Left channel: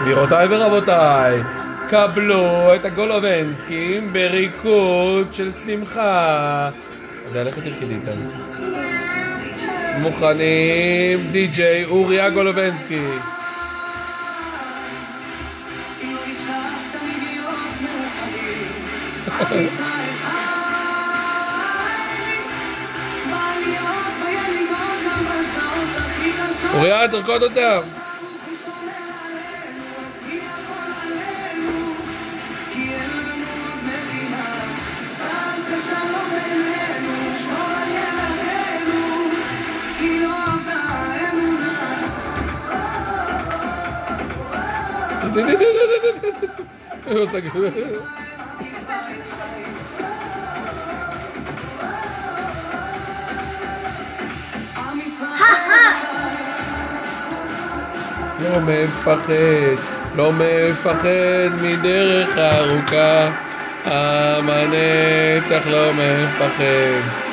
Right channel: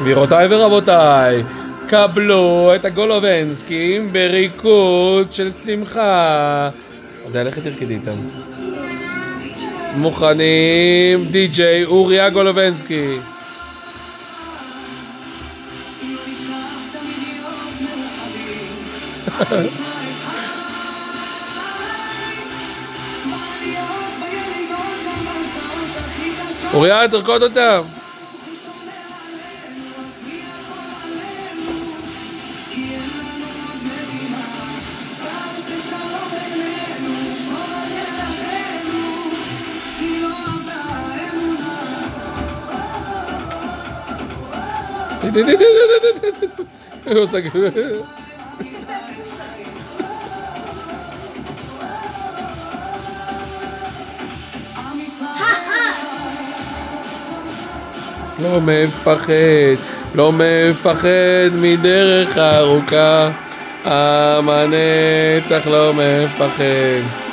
גבירותיי ורבותיי, קבלו את הגולובנסקים בריקוד של שמחה. יודע, לך תרקדי איתם. מוכנים, די-ג'יי אוריה גולובנסקי. אוריה, תרקוד אותם. לא מפחד, לא מפחד מדרך ארוכה, עם הנצח לא מפחד.